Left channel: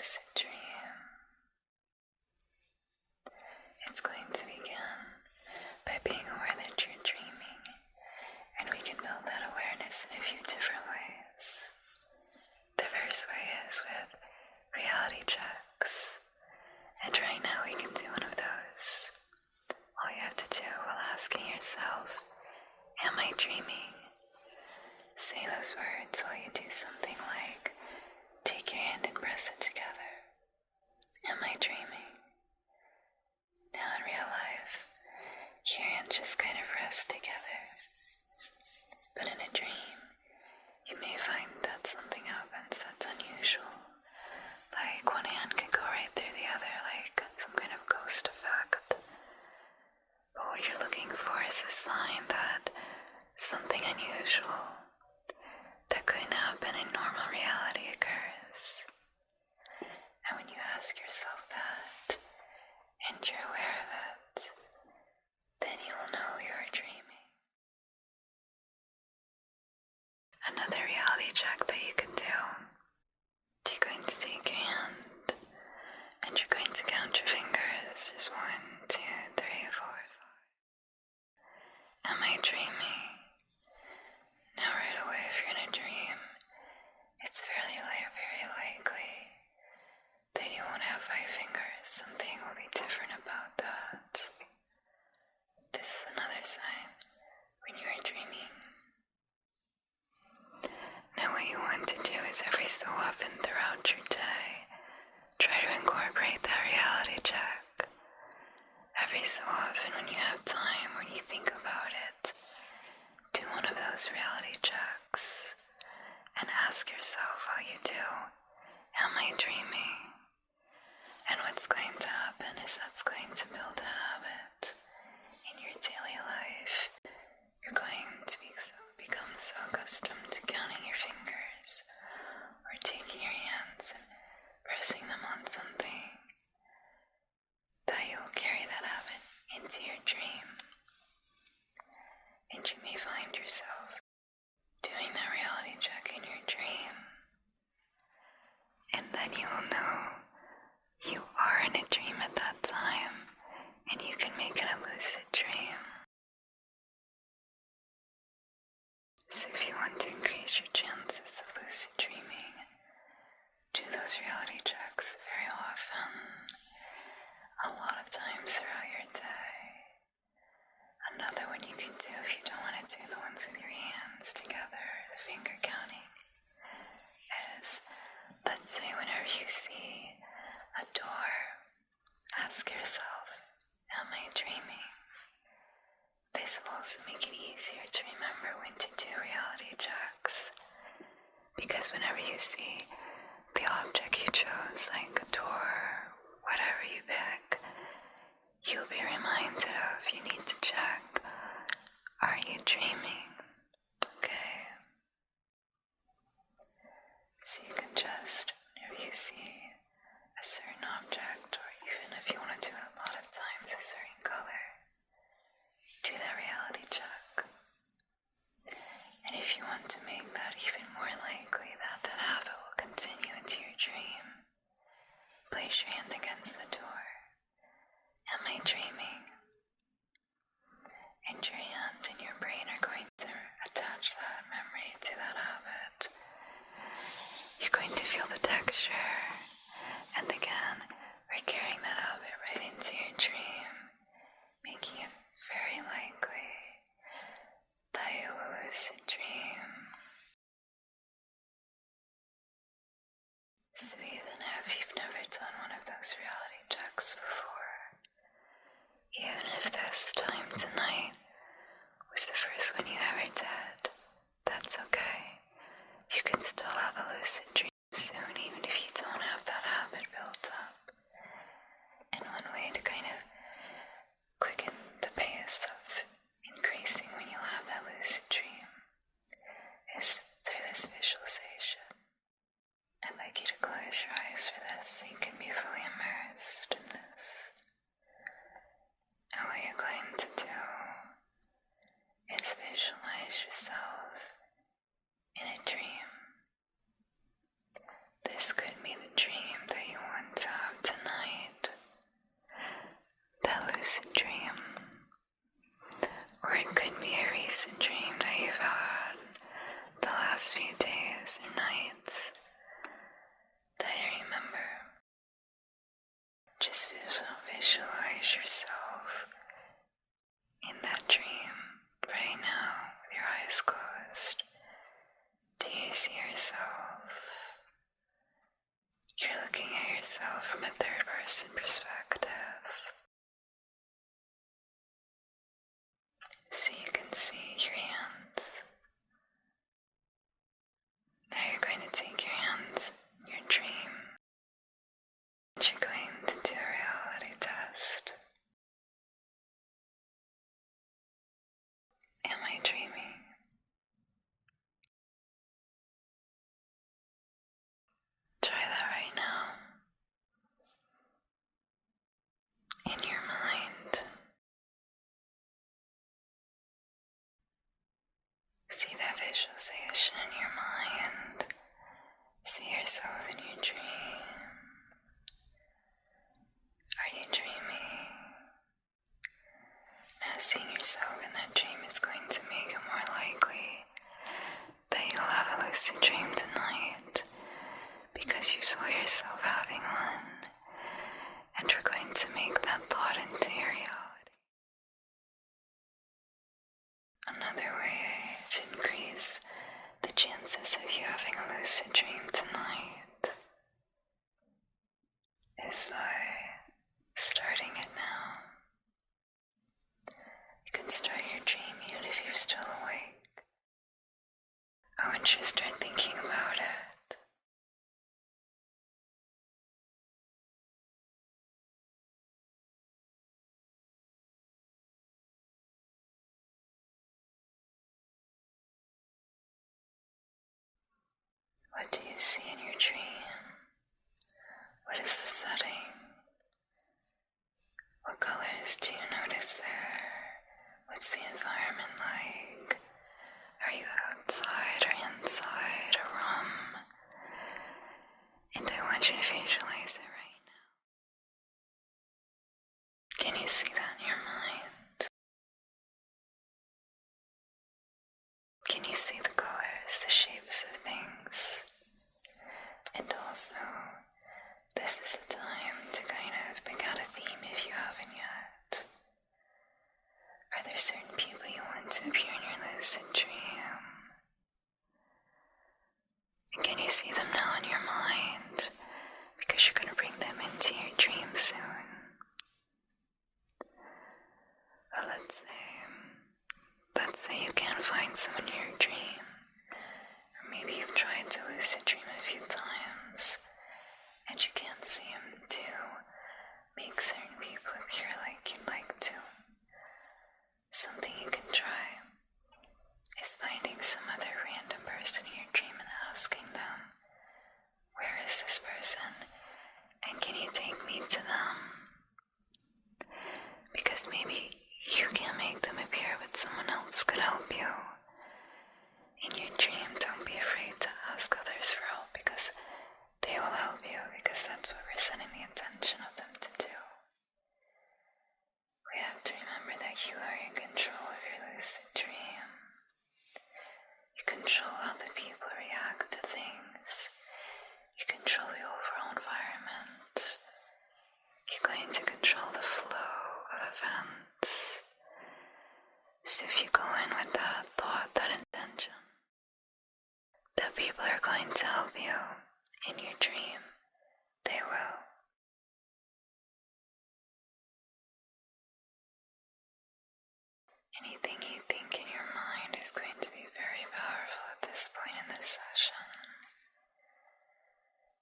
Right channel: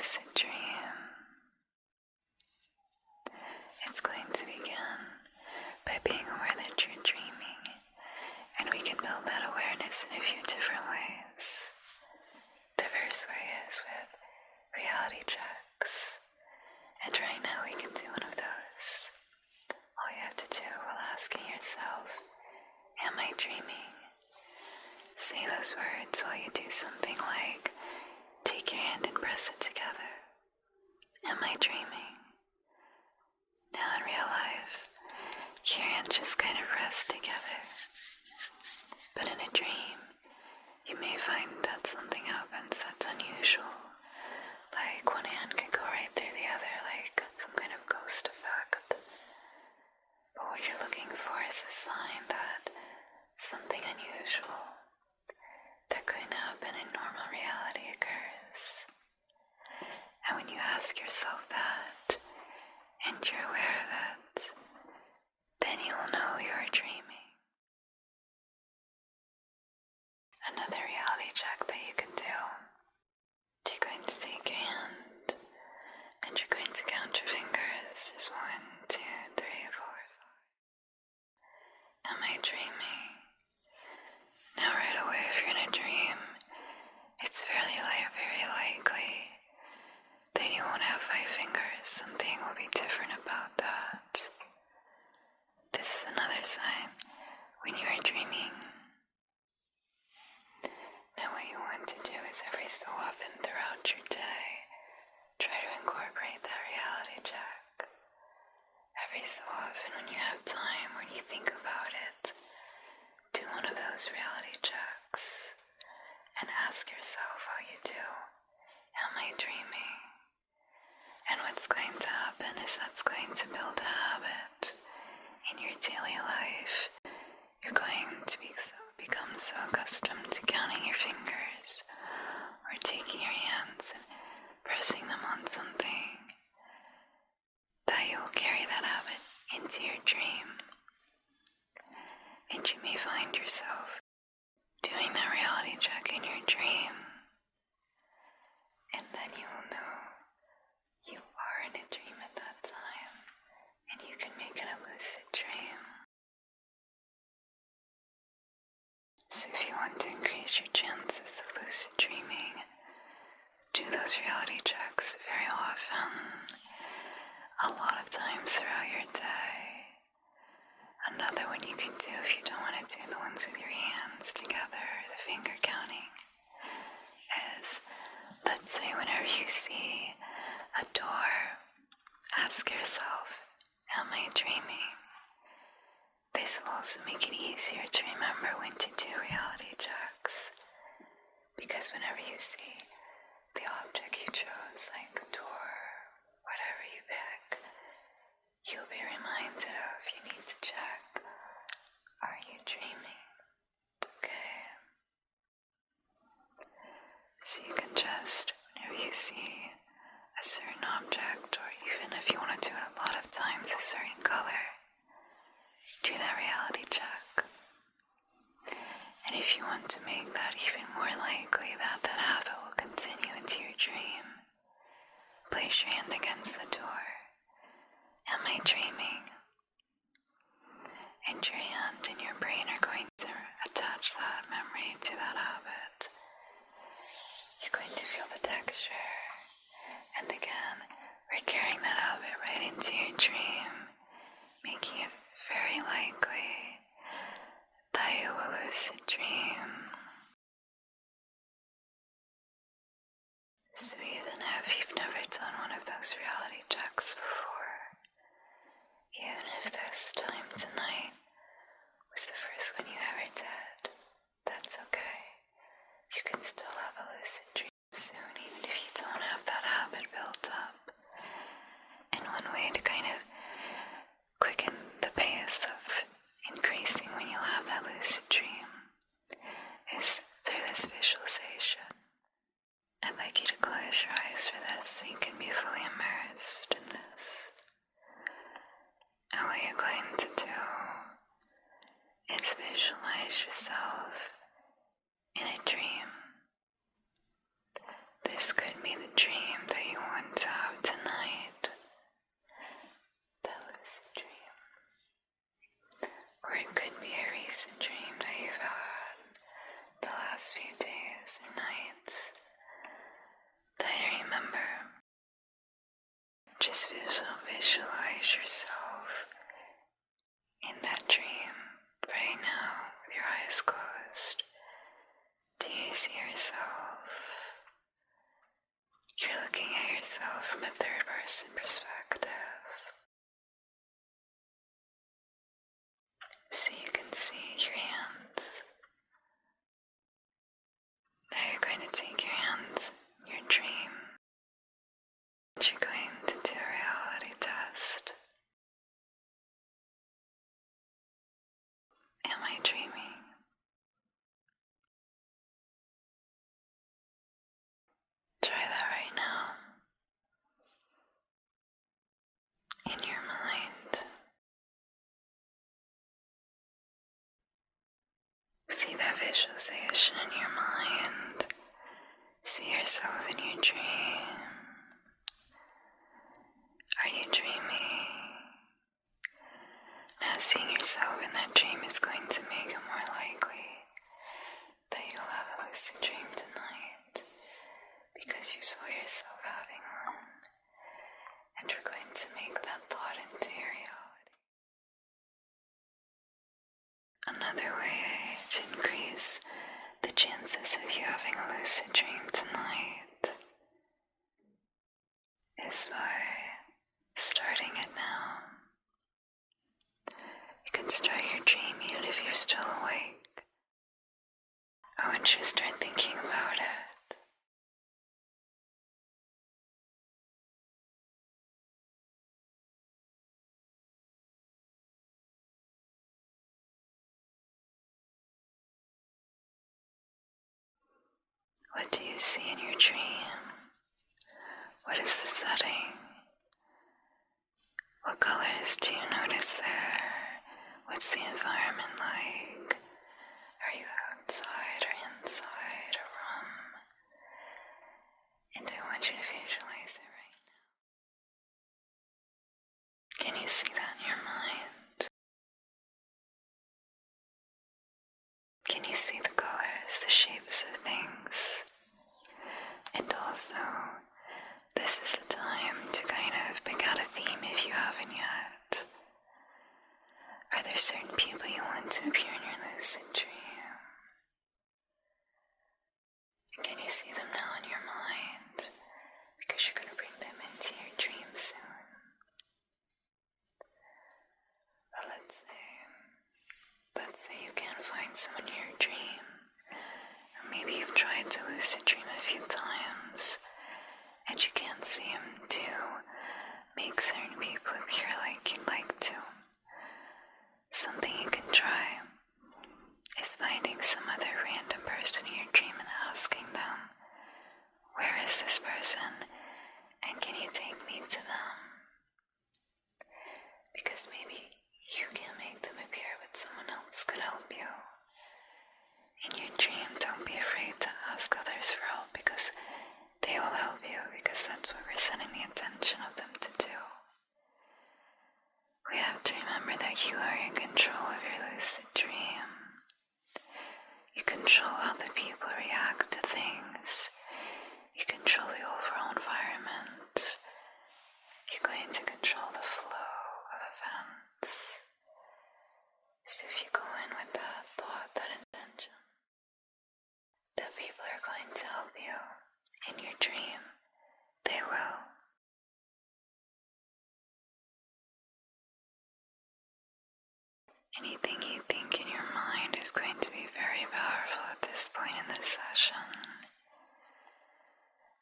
lucid dream. It's going to begin by being aware that you're dreaming, and we can build that awareness in a few different ways. The first way is with reality checks, and right now we can do one of those. All you have to do while asking yourself, am I dreaming? Say those words while you do something like, take your hand and press it together. Am I dreaming? Now in real life, your hands just kind of rest together. But in a dream, you may find that something happens that's unusual. Like one hand can go right through the other, like some kind of ghost effect. But what you're looking for is a sign that something unusual that couldn't happen in normal reality occurs. And when you ask yourself that, and you're aware of it, then you'll know you're dreaming. Another reality check that you can do, you're going to take your hand, and you're going to count your fingers. There's 1, 2, 3, 4, 5. Am I dreaming? Now right away, if you're in a dream, it's very likely that you won't have 5 fingers. Something will be different about that. This is another sign when you are dreaming. Now what you want to do is every so often throughout your day, try to incorporate that reality check. Every so often when you have time, when you think about it, do one of those reality checks and ask yourself how you do. Am I dreaming? And what's going to happen is that's going to build a habit in your daily life. You're going to become so accustomed to counting your fingers or taking your hands and pressing them on something that you will carry that habit into your dream. And you may find yourself doing that reality check in your dream, and then you will know you are in a dream at that time, and you can make it a lucid dream. So if you want to increase your chances of lucid dreaming, do those reality checks very often, a lot of times throughout your day. Another one you can do if you don't want to do the ones with your hands together, the finger counting, is, let's say whenever you see a door, ask yourself, am I dreaming? This will also make it easier to remember when to do reality checks, because whenever you see the object you chose, like a door, whatever you pick, you'll be reminded of, you need to check, are you dreaming? Okay. So you can just, whenever you see a certain object, or even if you want to do it a lot of times, a certain color, do that reality check. And if you want to make that even more likely that that habit will continue into your dream, place your hand against the door. Am I dreaming? And your hand and your brain are going to attach that memory to that habit. You're going to feel the texture, and again, we're carrying that habit right into your dream, making it very likely that you will lucid dream. So even if you've never done one of those reality checks before, even if this time tonight was the first one you ever did, that's okay. You can still have a lucid dream soon, even if you don't have that habit built up. And one way to kind of quicken the pace of increasing when you'll have that lucid dream is through this visualization. I'd like you to close your eyes for this so you can be fully immersed in this. And what you're going to do is visualize yourself in a dream. This could be the dream that you Just visualize yourself in that dream right now with your eyes closed. Do you see yourself? You're looking at yourself from a third-person perspective. So you can see your hands. Now you're going to take your hands in your dream, and you're going to do a reality test. Am I dreaming? Try that right now. In your mind. See that visualization in your mind. See yourself in your dream. Are you dreaming? Now seeing yourself in that dream is going to make it more likely that you'll have a lucid dream tonight because you saw yourself having one, and we're going to make that thought into your reality. Another way to increase the chances of you having a lucid dream tonight is by starting it now. You can start your dream even if you're still awake. I want you to start thinking about it. What do you see in your dream? What is the setting? What colors do you notice there? What's the environment like? Are you outside or inside a room? And I want you to visualize it right now. Can you see that in your mind? Can you see the colors, the shapes of things? And also, this is the time to kind of pick out a theme if you haven't yet. Are there certain people you want to appear in your lucid dream? And can you see them now in your mind? Because you're going to bring them into your dream soon. Well, let's say you can't find someone in your dream. Or maybe you've tried to lucid dream a few times and you can't see them to make certain people appear like you'd like to. Something you can try is finding some other random person in your dream and asking them, where is this person? And can you take me to them? Because maybe you can't make them appear, but someone else could help you. In your dream, don't be afraid to ask others for help because they will help you, because that's what we're setting the intention of them to do. We have to remember that you are in control of your lucid dream. You control how the people react to things. You control the overall environment. You're going to control the flow of events. So if you go in with that thought, that intention, that people are going to help you in your dream, they will. Anything you think in your mind is going to be very powerful at this point in this session.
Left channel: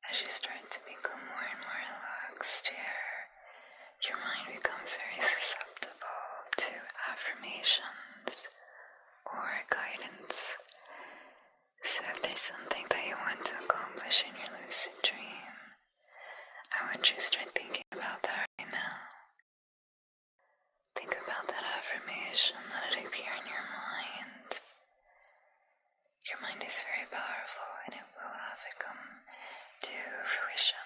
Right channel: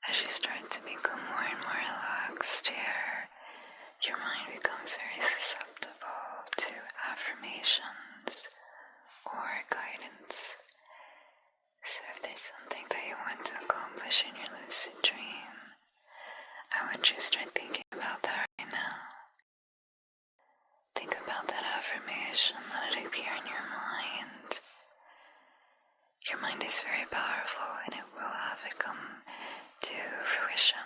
As you start to become more and more relaxed here, your mind becomes very susceptible to affirmations or guidance. So if there's something that you want to accomplish in your lucid dream, I want you to start thinking about that right now. Think about that affirmation, let it appear in your mind. Your mind is very powerful and it will have it come to fruition.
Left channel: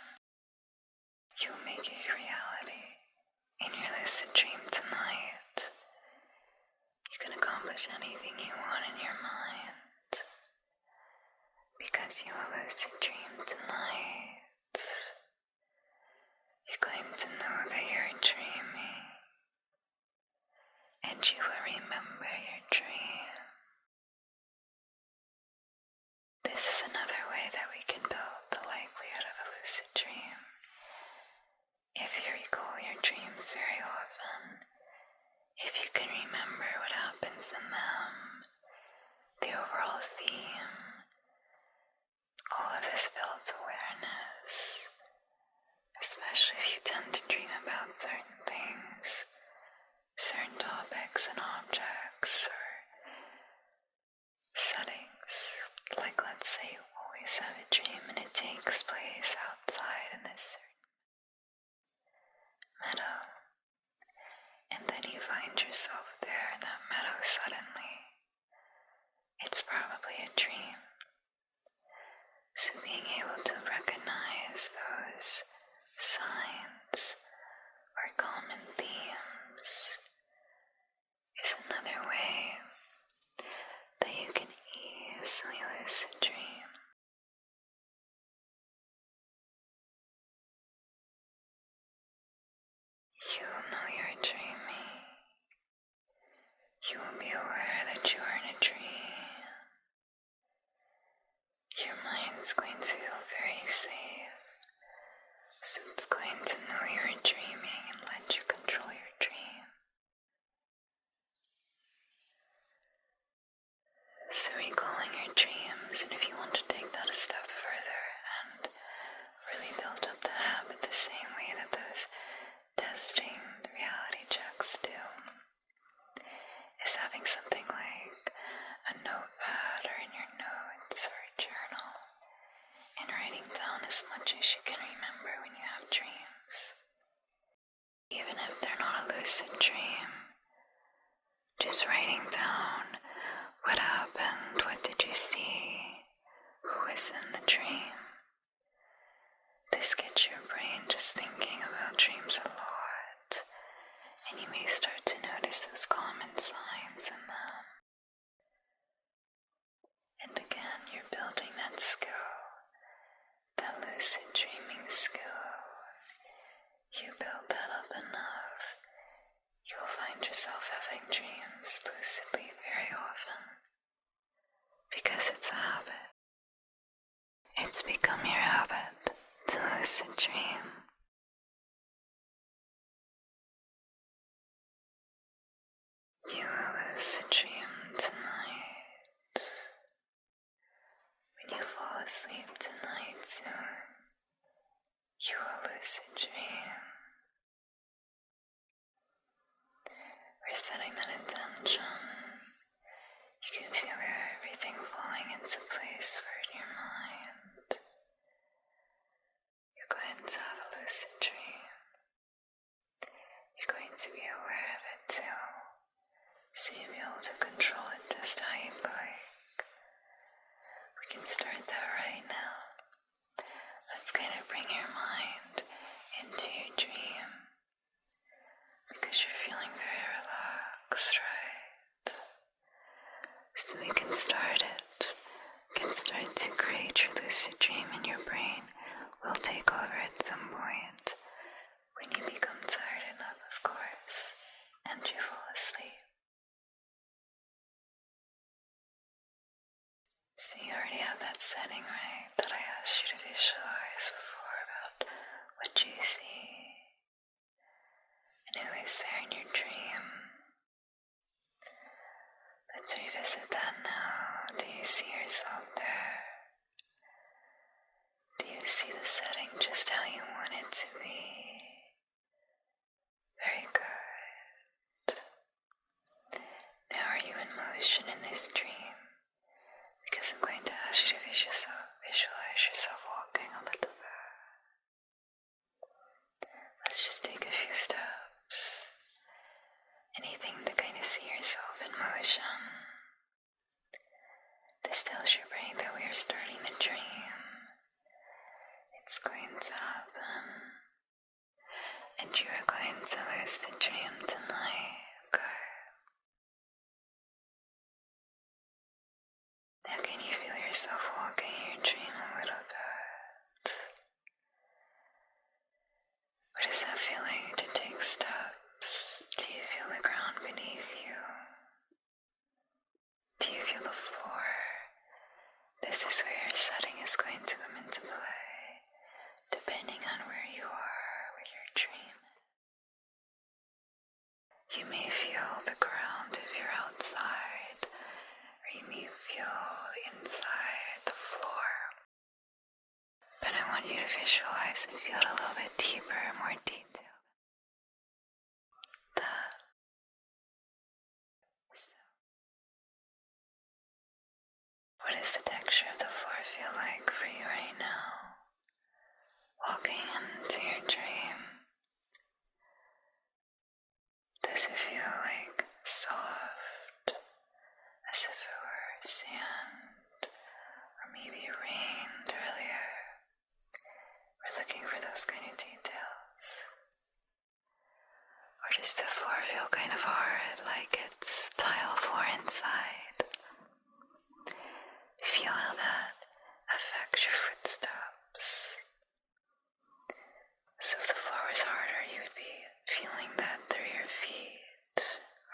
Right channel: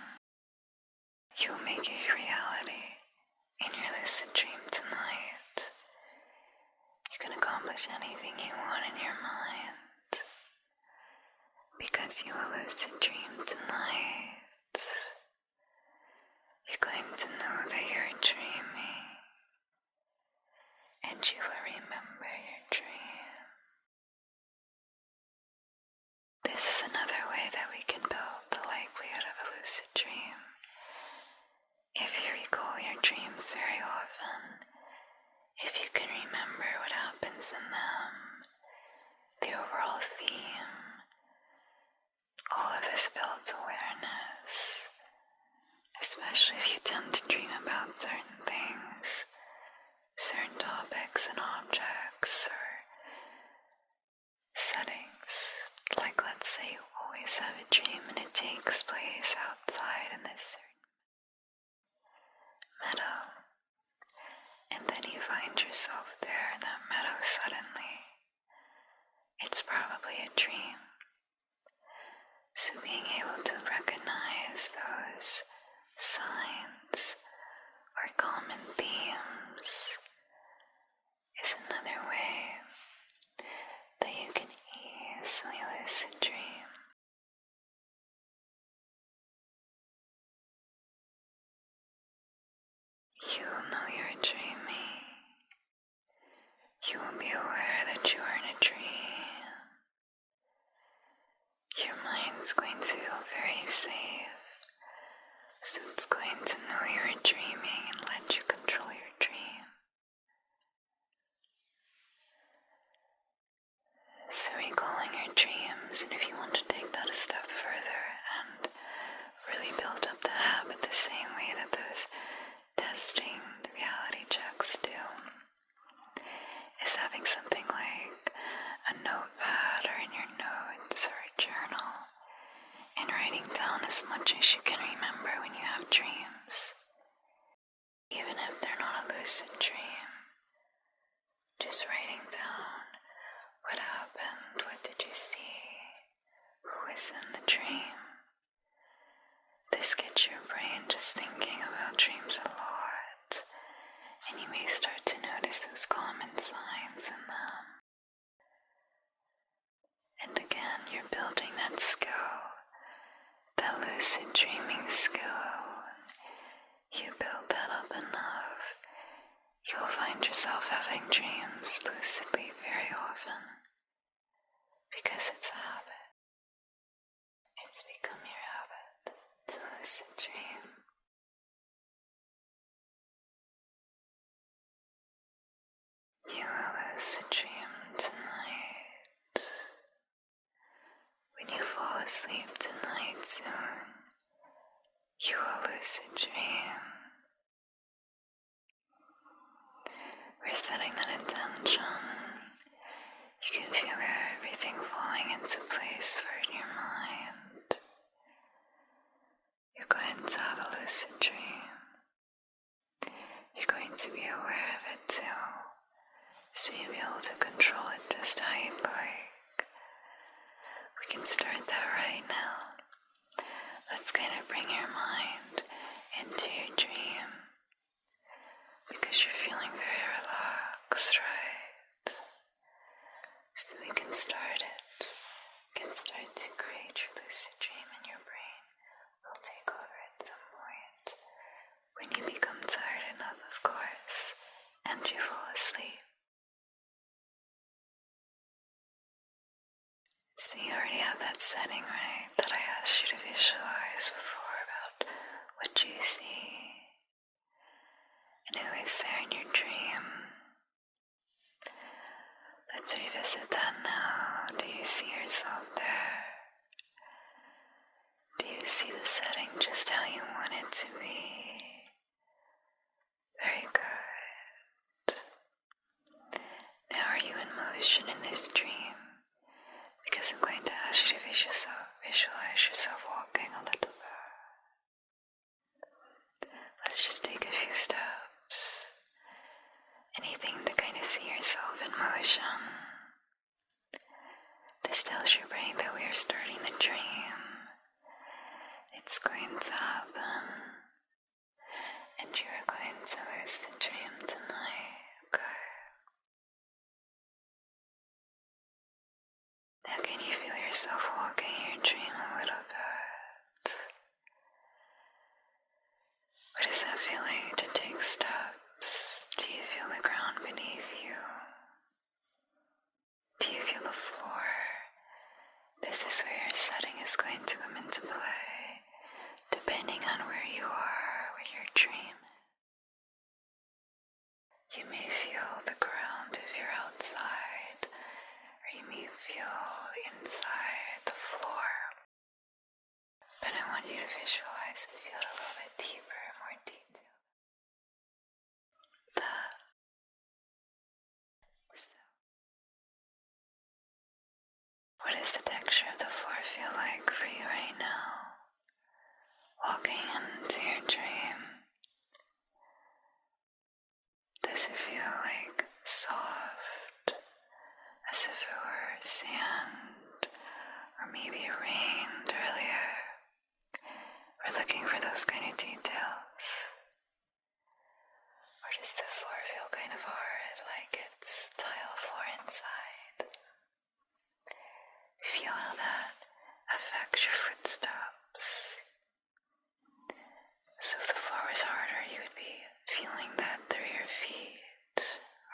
You'll make it a reality in your lucid dream tonight. you will remember your dream. This is another way that we can build the likelihood of a lucid dream. If you recall your dreams very often, if you can remember what happens in them, the overall theme, all of this builds awareness, especially if you tend to dream about certain things, certain topics and objects, or settings. Like, let's say you always have a dream and it takes place outside in this meadow, and then you find yourself there in that meadow suddenly. It's probably a dream. So being able to recognize those signs or common themes is another way that you can easily lucid dream. You will know you're dreaming. You will be aware that you are in a dream. Your mind's going to feel very safe, so it's going to know you're dreaming and let you control your dream. So recalling your dreams, and if you want to take that a step further and really build up that habit the same way that those testing reality checks do, is having something like a notepad or in your notes or a journal and writing down as much as you can remember when you have dreams. Even if they're not a lucid dream, just writing down what happened, what did you see, who is in the dream. This gets your brain just thinking about dreams a lot, and you may start to notice those common signs in them. And again, you're building that skill, that lucid dreaming skill. You build that up enough, you'll find yourself having dreams lucidly very often, because it's a habit. It's become your habit to lucid dream. You will lucid dream tonight. When you fall asleep tonight soon, you will lucid dream. We're setting that intention. You can feel everything falling into place for your mind. You're going to have a lucid dream. You're going to be aware of it too, so you'll be able to control it just how you'd like. We can start that right now. Let's kind of bring your mind into your dream, because you're feeling very relaxed, right? So we can start it. We can start to create your lucid dream in your brain. We'll take over at some point when you become tired enough, of course, and you fall asleep. So you already have that setting, right, that I asked you to visualize before about what you see and who is there in your dream. Let's revisit that now. Do you see yourself there? Do you see the setting just how you want it to be? Very good. Now are you in motion in this dream? Because I'm going to ask you to visualize yourself walking a little bit. Let's just take a few steps. Anything to kind of see yourself in motion. This tells your brain that we are starting the dream. It's going to happen. And you are going to lucid dream tonight, okay? Now can you feel yourself walking your dream a little bit? What is that feeling to take steps? Do you feel the ground beneath you? want you to visualize and feel it a little bit deeper, more detailed. That. So, what does the texture of the floor feel like for you right now? Walking into your dream, does it feel like soft, as if it were sand, or maybe it rained earlier? We're looking for those kind of details. Or does the floor feel kind of hard, like it's tile floor inside? Feel how that affects your footsteps. So if the floor was harder, you would be feeling that through your feet.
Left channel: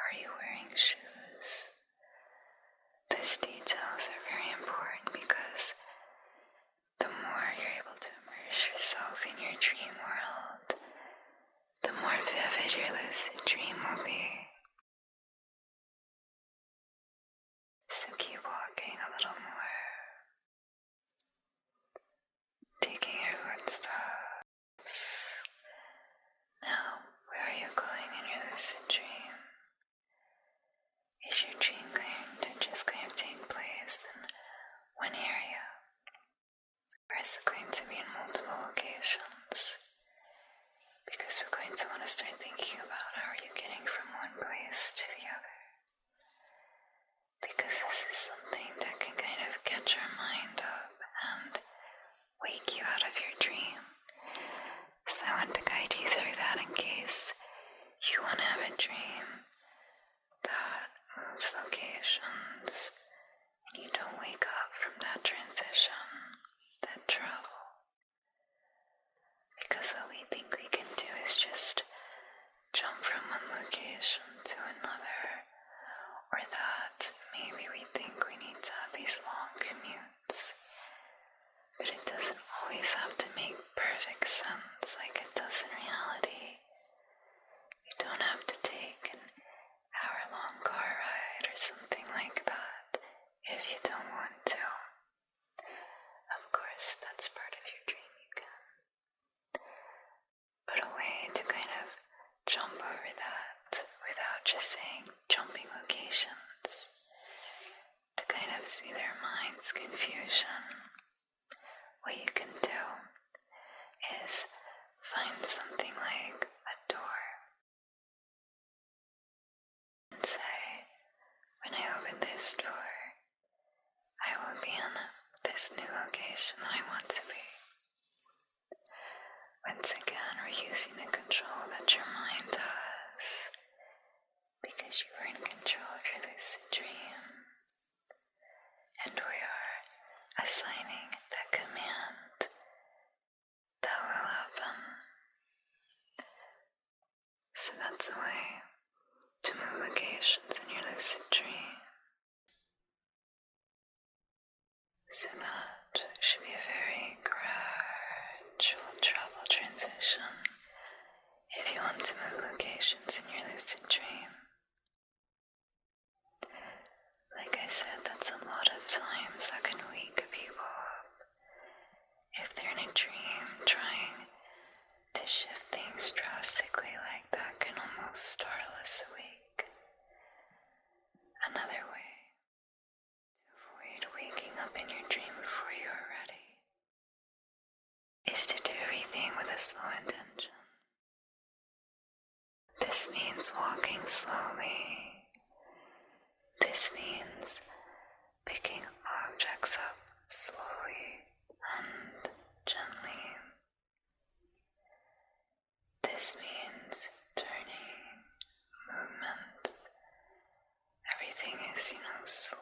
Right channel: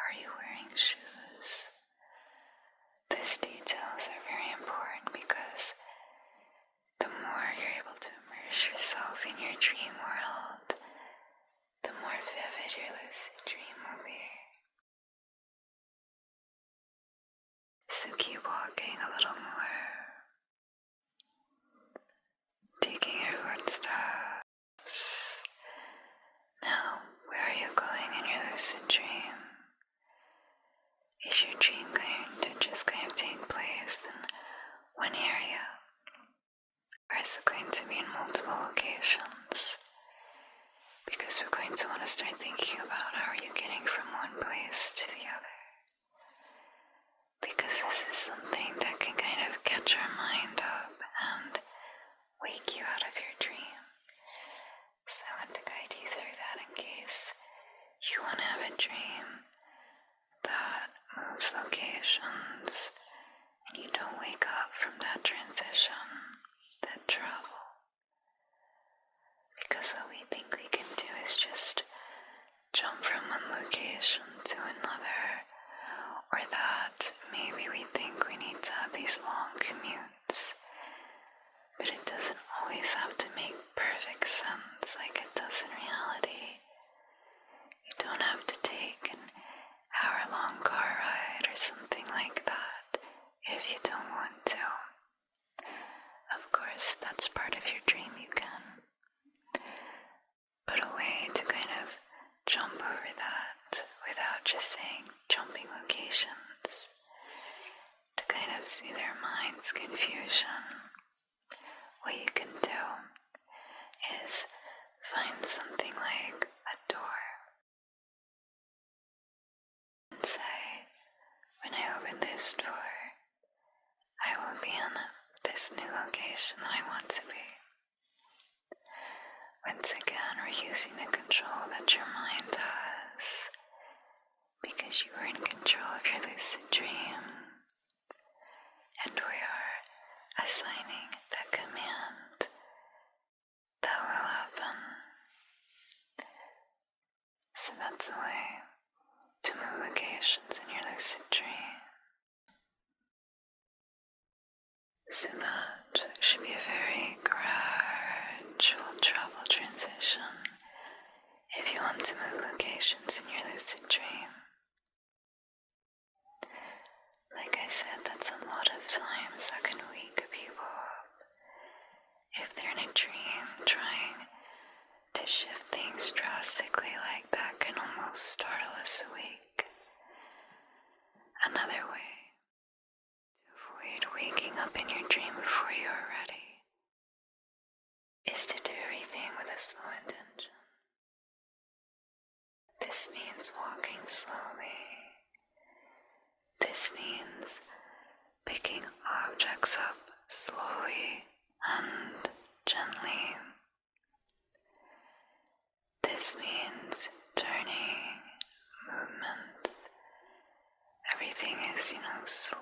Are you wearing shoes? These details are very important because the more you're able to immerse yourself in your dream world, the more vivid your lucid dream will be. So keep walking a little more, taking your footsteps. Now, where are you going in your lucid dream? Is your dream going to just kind of take place in one area? Or is it going to be in multiple locations? Because we're going to want to start thinking about how are you getting from one place to the other. Because this is something that can kind of catch our mind up and wake you out of your dream. So I want to guide you through that in case you want to have a dream that moves locations and you don't wake up from that transition, that travel. Because what we think we can do is just jump from one location to another, or that maybe we think we need to have these long commutes, but it doesn't always have to make perfect sense like it does in reality. You don't have to take an hour-long car ride or something like that if you don't want to. Of course, if that's part of your dream, you can. But a way to kind of jump over that without just saying jumping locations, to kind of see their mind's confusion, what you can do is find something like a door and say, when I open this door, I will be in this new location that I want to be. Once again, we're using the control that your mind has, because you are in control of your lucid dream, and we are assigning that command that will happen. So that's a way to move locations in your lucid dream. So that should be a very gradual travel transition if you want to move locations in your lucid dream. Like I said, that's a lot of times that can wake people up. If they're in a dream, trying to shift things drastically like that can almost startle us awake. Another way to avoid waking up in your dream before you are ready is to do everything with a slow intention. This means walking slowly. This means picking objects up slowly and gently. This means turning, movements. Everything is, slow.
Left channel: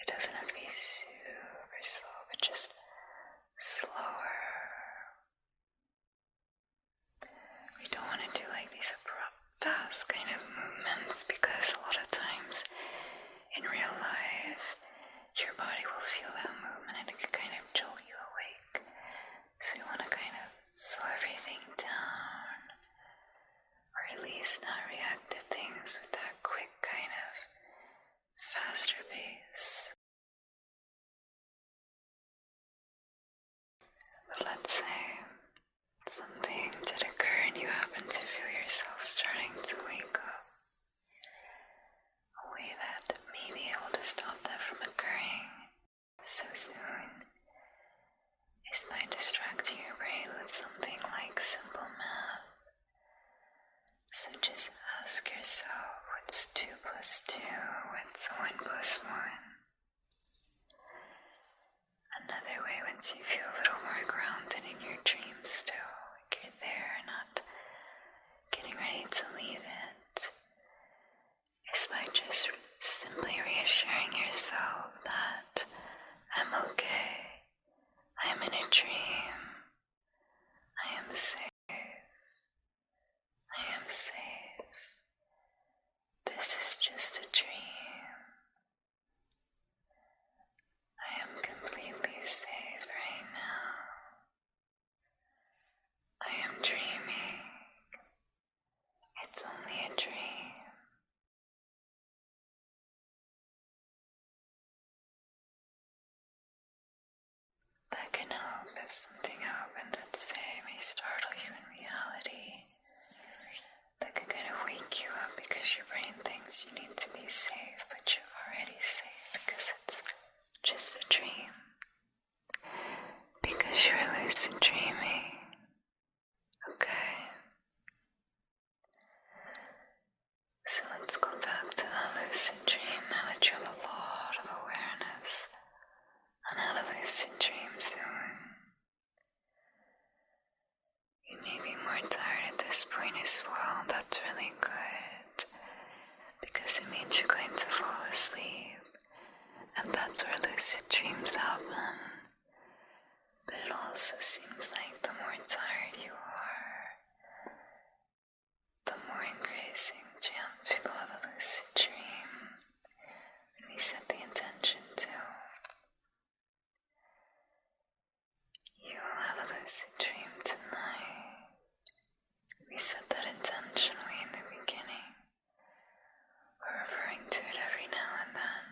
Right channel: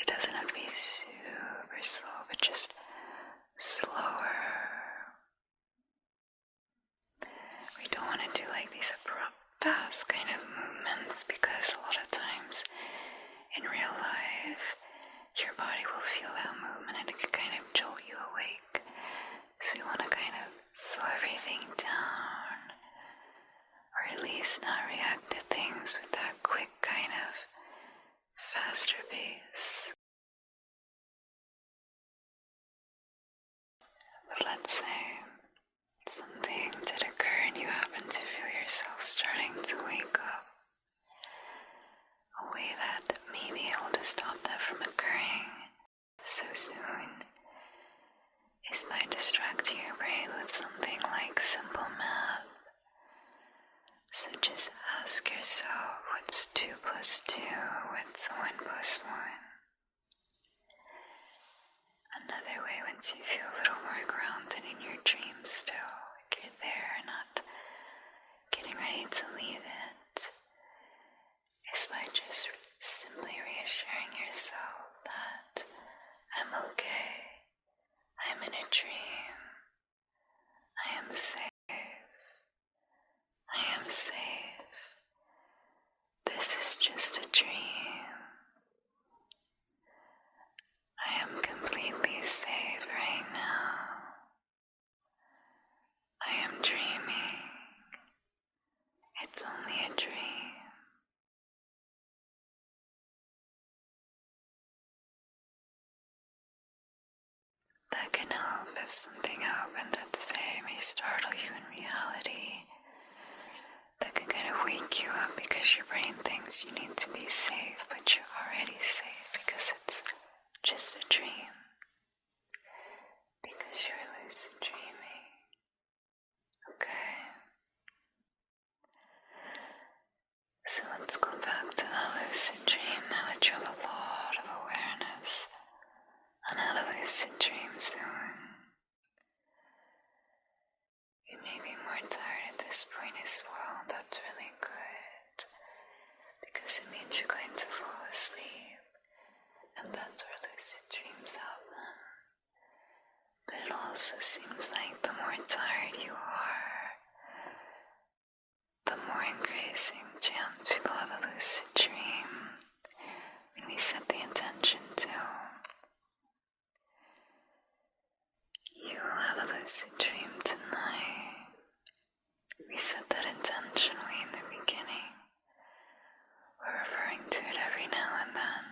It doesn't have to be super slow, but just slower. We don't want to do like these abrupt, fast kind of movements, because a lot of times in real life, your body will feel that movement and it can kind of jolt you awake. So we want to kind of slow everything down, or at least not react to things with that quick kind of But let's say something did occur and you happen to feel yourself starting to wake up. A way that may be able to stop that from occurring so soon is by distracting your brain with something like simple math. So just ask yourself, what's 2 plus 2? What's 1 plus 1? Another way, once you feel a little more grounded in your dream still, like you're there, not getting ready to leave it, is by just simply reassuring yourself that I'm okay, I'm in a dream, I am safe, I am safe, this is just a dream, I am completely safe right now, I am dreaming, it's only a dream. That can help if something happened that, say, may startle you in reality. That can kind of wake you up because your brain thinks you need to be safe, but you're already safe because it's just a dream. Because you're lucid dreaming. Okay? So let's go back to that lucid dream now that you have a lot of awareness on how to lucid dream soon. You may be more tired at this point as well. That's really good, because it means you're going to fall asleep, and that's where lucid dreams happen. But it also seems like the more tired you are, the more increasing chance people have a lucid dream when we set the intention to. You will have a lucid dream tonight. We set that intention way in the beginning. We're referring to it every now and then,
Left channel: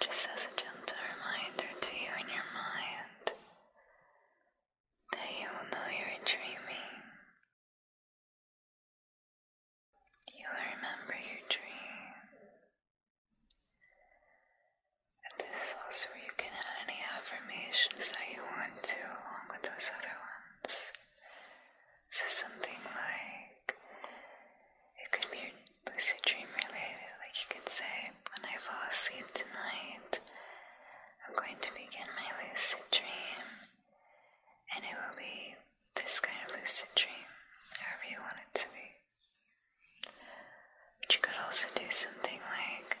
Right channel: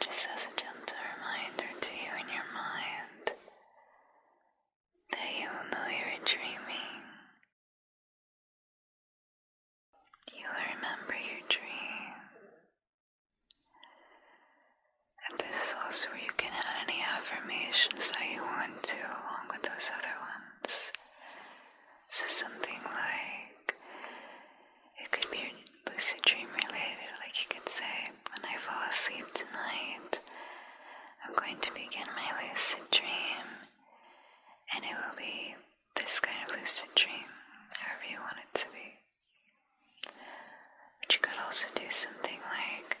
just as a gentle reminder to you in your mind that you will know you're dreaming. You will remember your dream. And this is also where you can add any affirmations that you want to, along with those other ones. So something like, it could be lucid dream related, like you could say, when I fall asleep tonight, I'm going to begin my lucid dream, and it will be this kind of lucid dream, however you want it to be. But you could also do something like,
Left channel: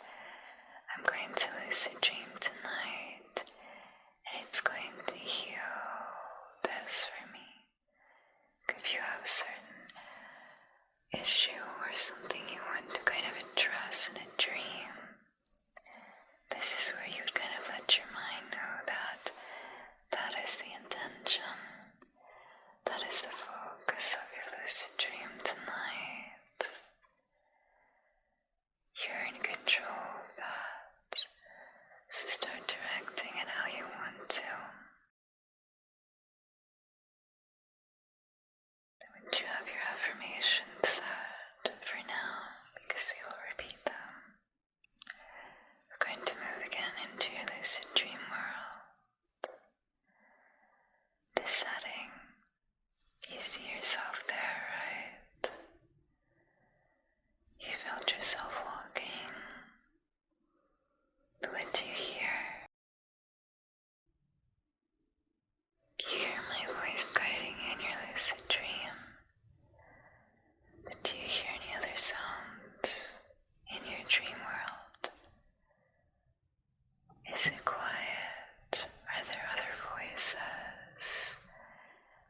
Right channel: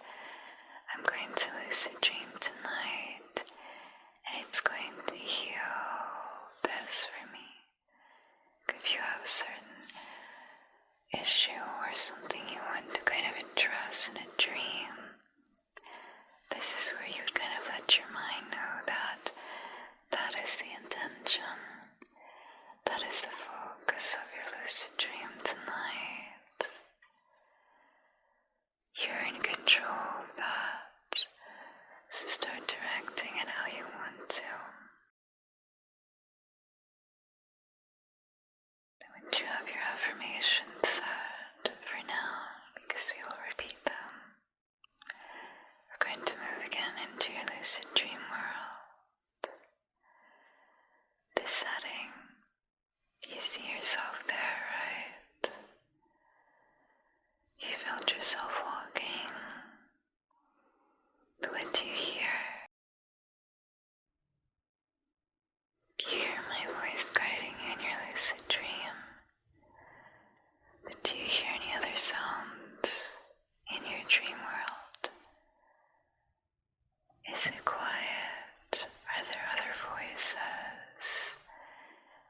I'm going to lucid dream tonight, and it's going to heal this for me. If you have a certain issue or something you want to kind of address in a dream, this is where you would kind of let your mind know that that is the intention, that is the focus of your lucid dream tonight. You're in control of that, so start directing it how you want to. You have your affirmations set for now, because we will repeat them. We're going to move again into your lucid dream world. This setting, you see yourself there, right? You felt yourself walking. What do you hear? You hear my voice guiding you in your lucid dream. But do you hear any other sounds in your dream world? Is it quiet? Are there other voices?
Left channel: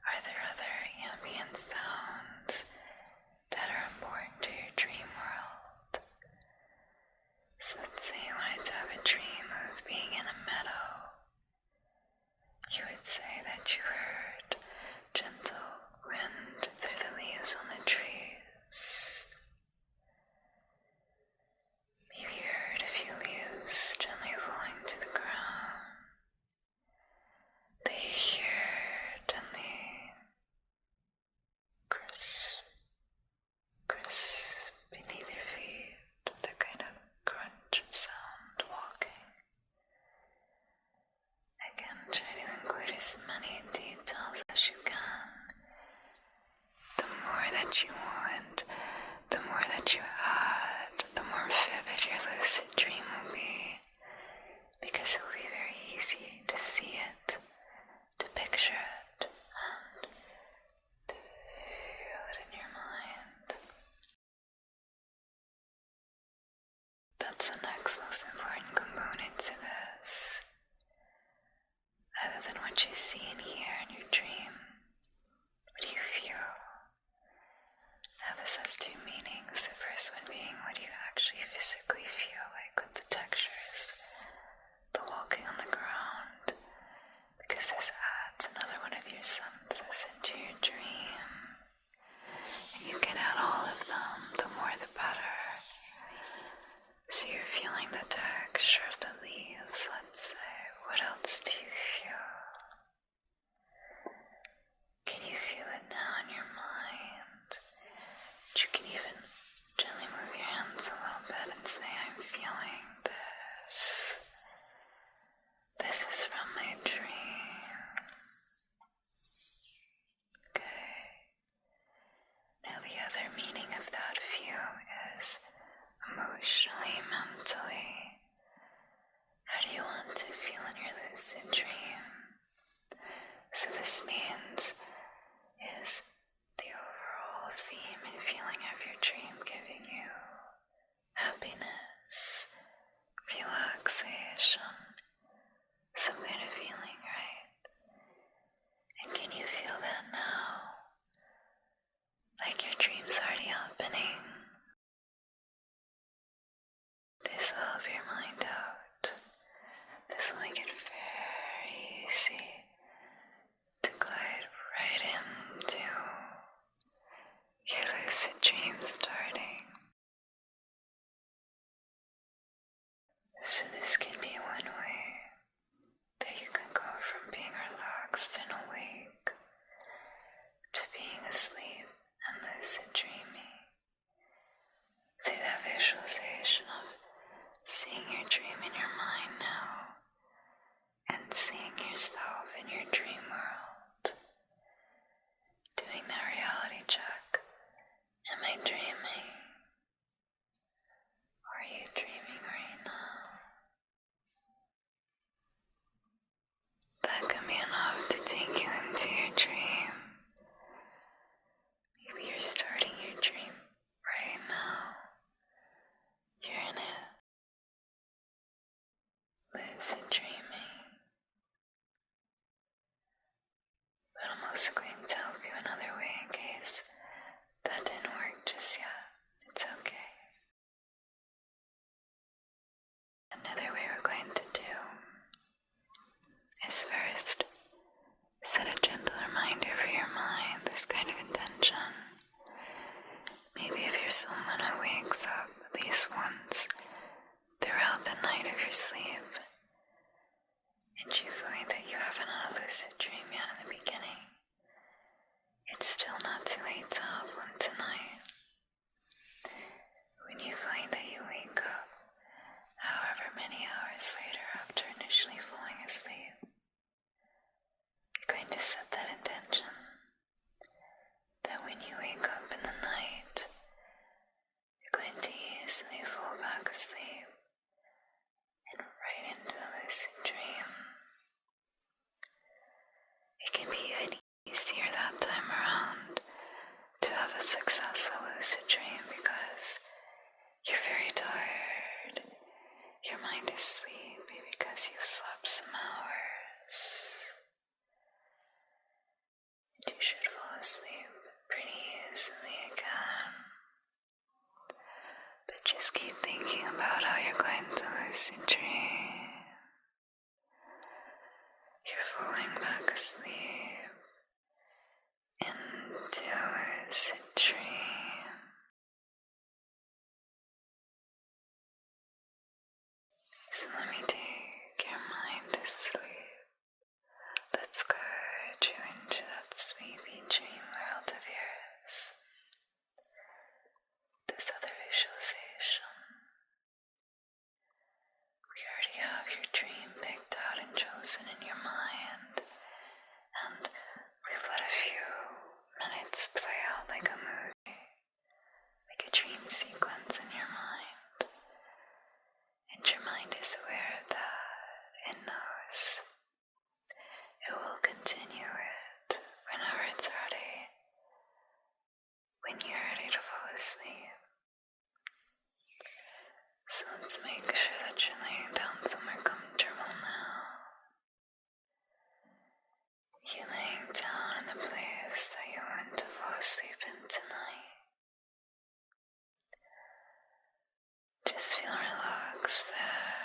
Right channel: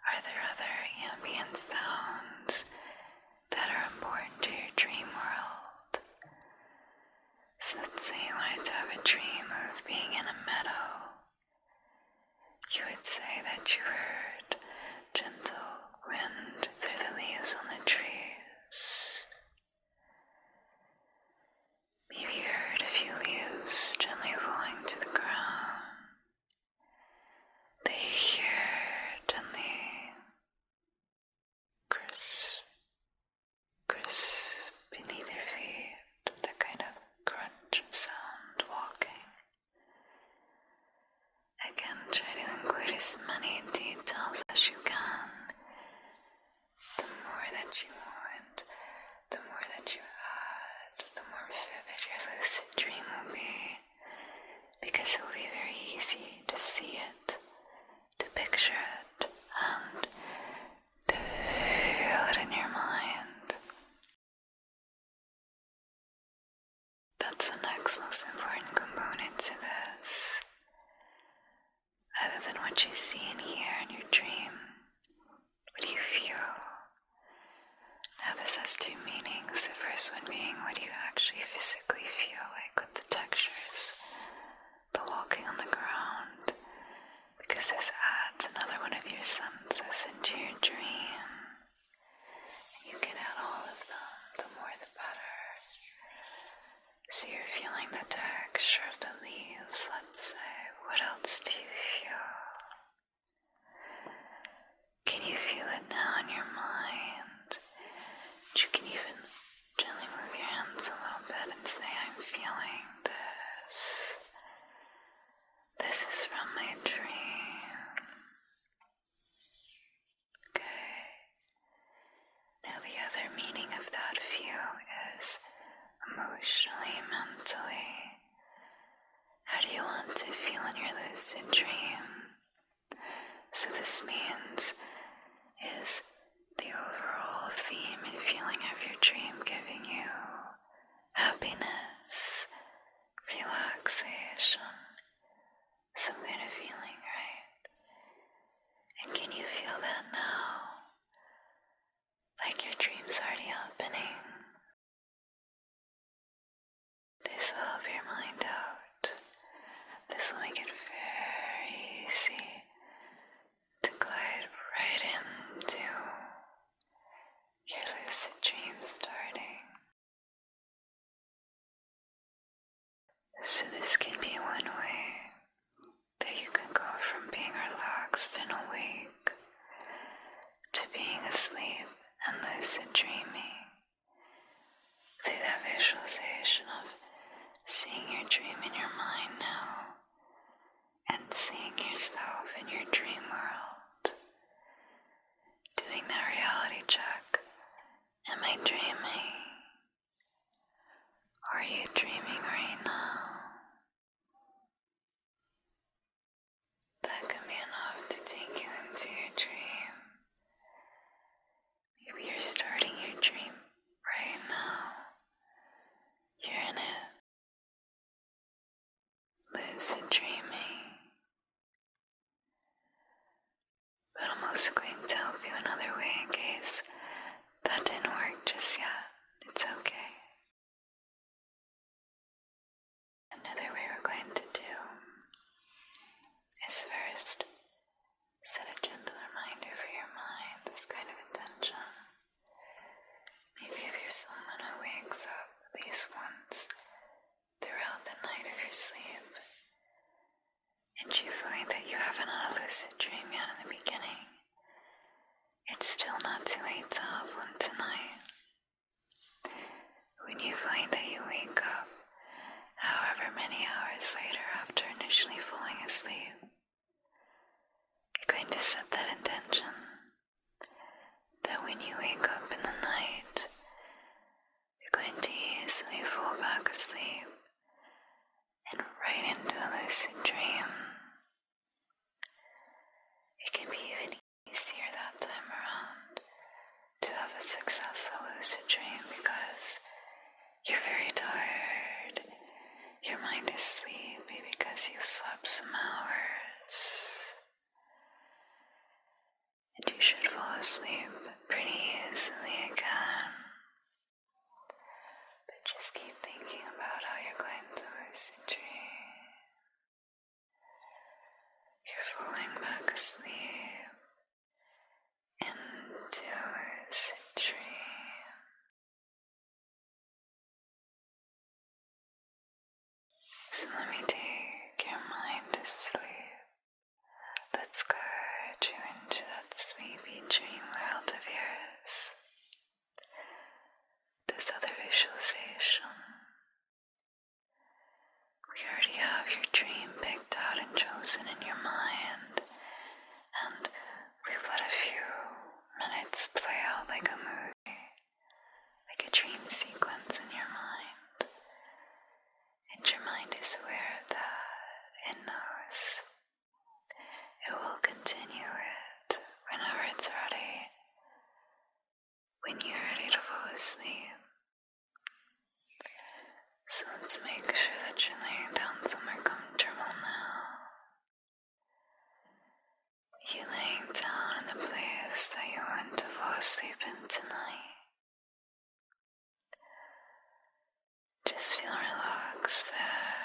Are there other ambient sounds? means is the overall theme and feeling of your dream giving you happiness, relaxation, some kind of feeling, right? And can you feel that now? Like your dream's already happening. This will help your mind out. This will make it very easy to glide right into your lucid dream starting. So this can be one way that you can go from being relaxed and awake to being asleep and lucid dreaming through that visualization of seeing your dream in your mind now and seeing yourself in your dream world. Doing that reality check. Am I dreaming? Are you dreaming right now? That can be enough to take you into your dream. Maybe you're starting your dream right now. You're in it. Lucid dreaming. But I'm also going to help you another way in case that didn't work just yet. It's okay. Another way we're going to do is first set a gentle reminder for your mind, this kind of intention. Maybe if you're someone who wakes up at least once throughout the night of your sleep, and you find that you haven't had a lucid dream yet in the beginning, it's still not too late to have one tonight. When you find that you wake up, however many hours later after initially falling asleep, you're going to set that intention that when you wake up in the night, you're going to easily fall back asleep and right into a lucid dream. It can be even easier that time around to have a successful lucid dream because you're very tired. Your mind is sleepy because you've slept some hours. And you should fall asleep pretty easily again. But just keep thinking about how you're going to lucid dream. You're falling back asleep into lucid dream. So let me take your mind to sleep. Let's guide you into that sleepy dream world of yours. This other visualization. We already have your dream picked out and chosen in your mind, and we've let a few minutes play out like a movie, like a dream sequence in your mind. And your mind is aware of that. It knows. It will continue it whenever it's ready. When you're ready to fall asleep. So let's make sure that you're laying down somewhere comfortable now. You're laying down in the place that you want to fall asleep in tonight. Just feel relaxed there.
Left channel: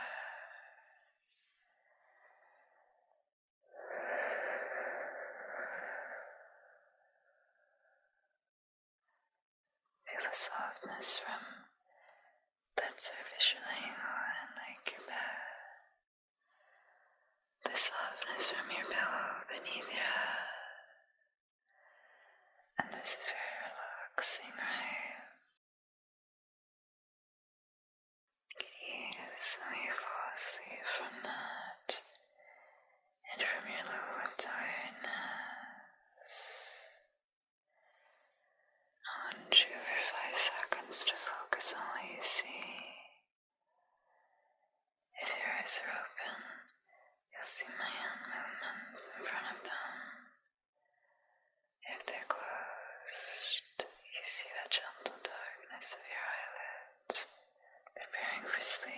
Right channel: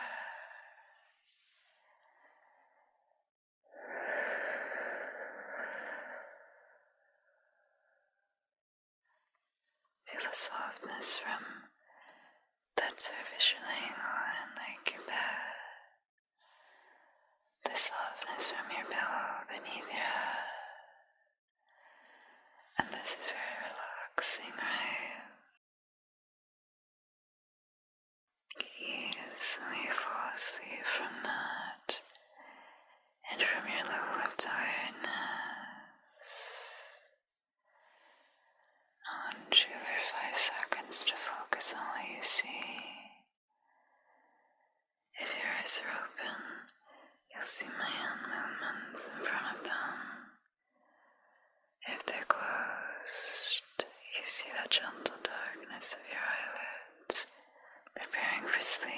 Feel the softness from that surface you're laying on, like your bed. The softness from your pillow beneath your head. And this is very relaxing, right? Easily fall asleep from that and from your level of tiredness. I want you for 5 seconds to focus on what you see. If your eyes are open, you'll see my hand movements in front of them. sleep.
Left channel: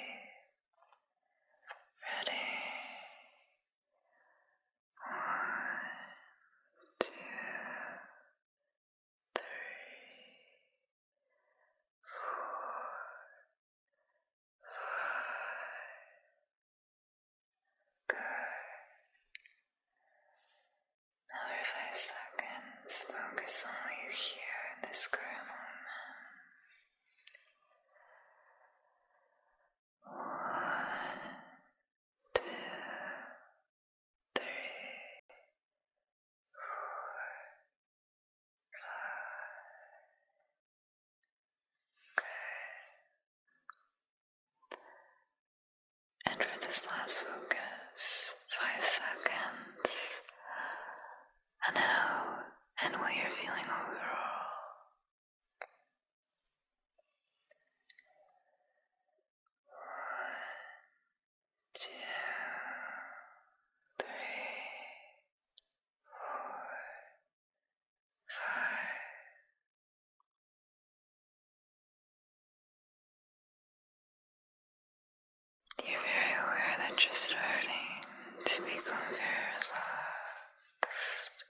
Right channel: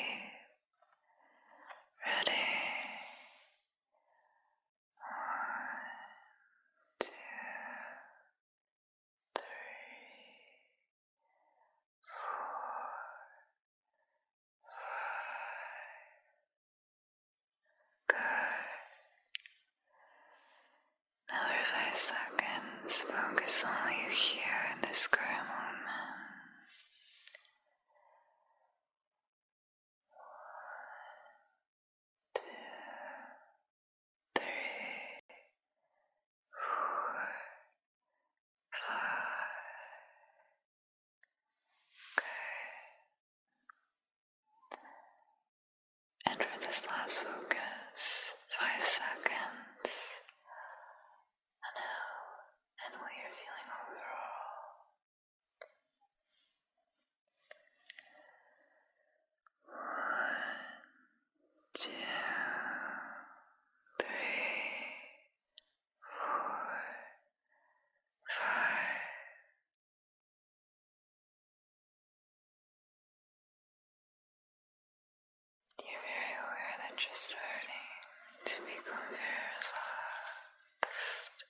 Ready? 1, 2, 3, 4, 5. Good. Now for 5 seconds, focus on all you hear in this current moment. 1, 2, 3, 4, 5. Okay. And for this last focus, 5 seconds on how and what you're feeling overall. 1, 2, 3, 4, 5. You're very aware that you're starting to become very relaxed.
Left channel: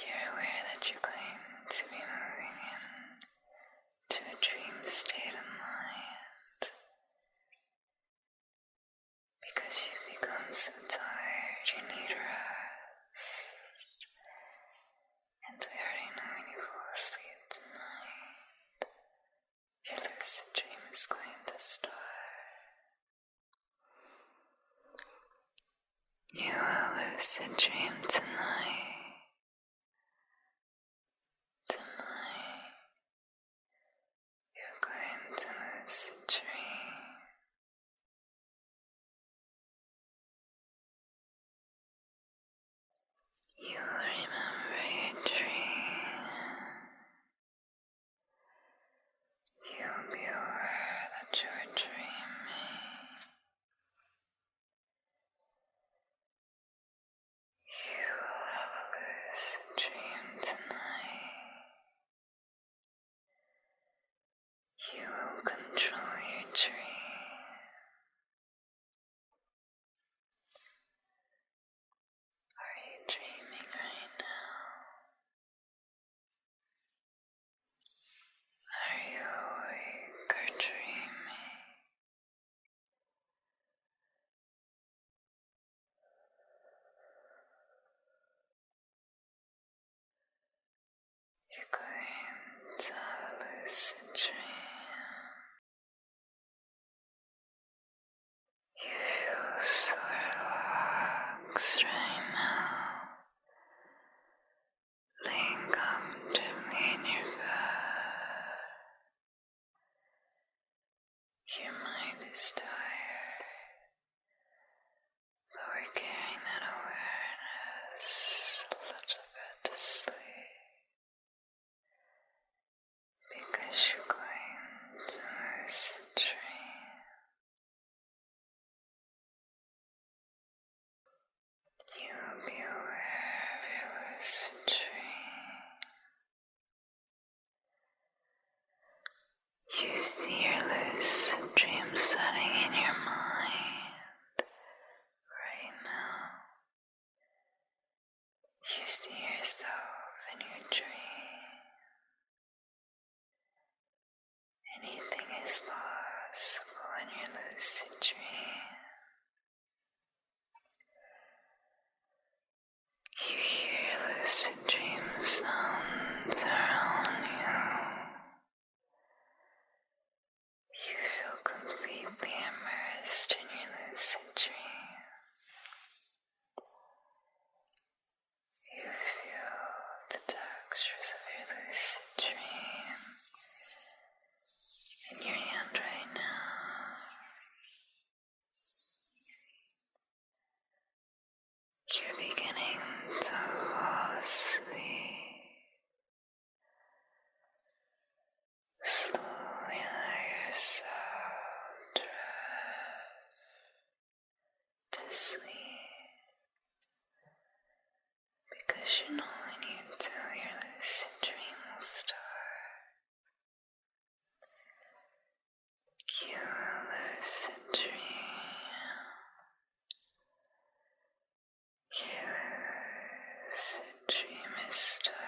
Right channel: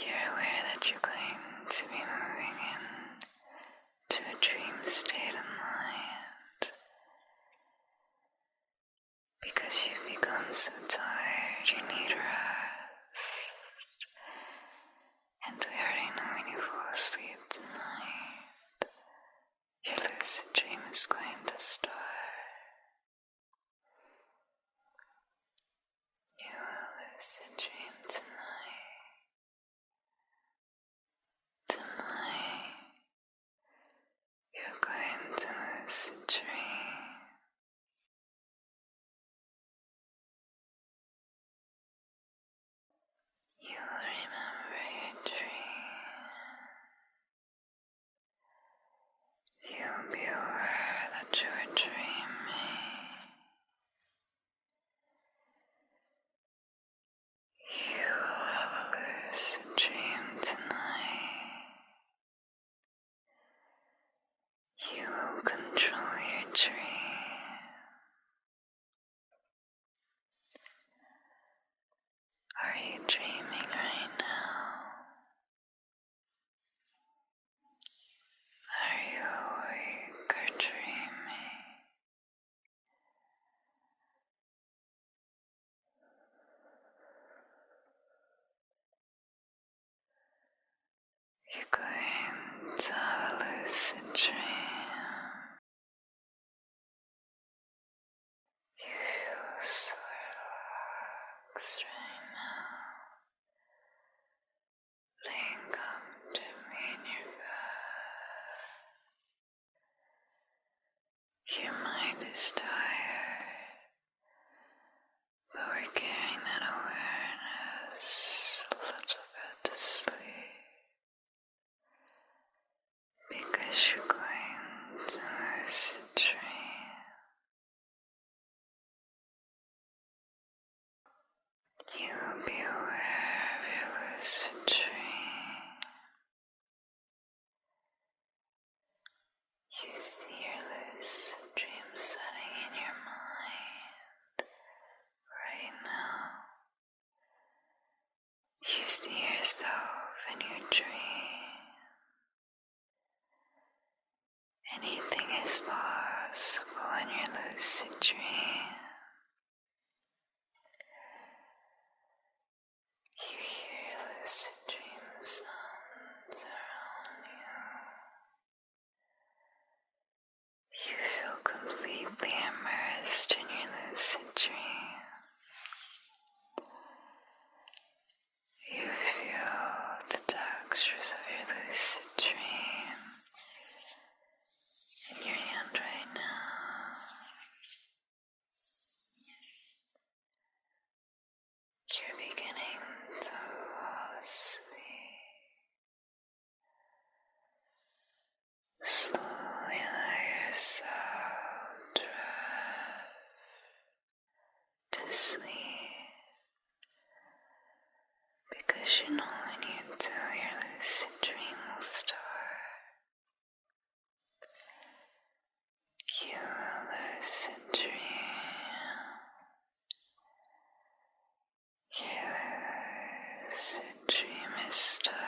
You're aware that you're going to be moving into a dream state of mind because you've become so tired you need rest. And we already know when you fall asleep tonight, your lucid dream is going to start. You will lucid dream tonight. Tonight, you're going to lucid dream. You will remember your dream. You'll be aware that you're dreaming. You will have a lucid dream tonight. You will control your dream. Are you dreaming right now? Are you awake or dreaming? You're going to have a lucid dream. You feel so relaxed right now, laying comfortably in your bed. Your mind is tired, but we're carrying that awareness a little bit to sleep. Because you're going to lucid dream. You will be aware of your lucid dream. You see your lucid dream setting in your mind right now. You see yourself in your dream. Anything is possible in your lucid dream. You hear lucid dream sounds around you. You feel completely immersed in your lucid dream. You feel the textures of your lucid dream in your hand right now. You're beginning to fall asleep. Slowly let yourself drift to sleep because you know when you do, your lucid dream will start. lucid dream is starting.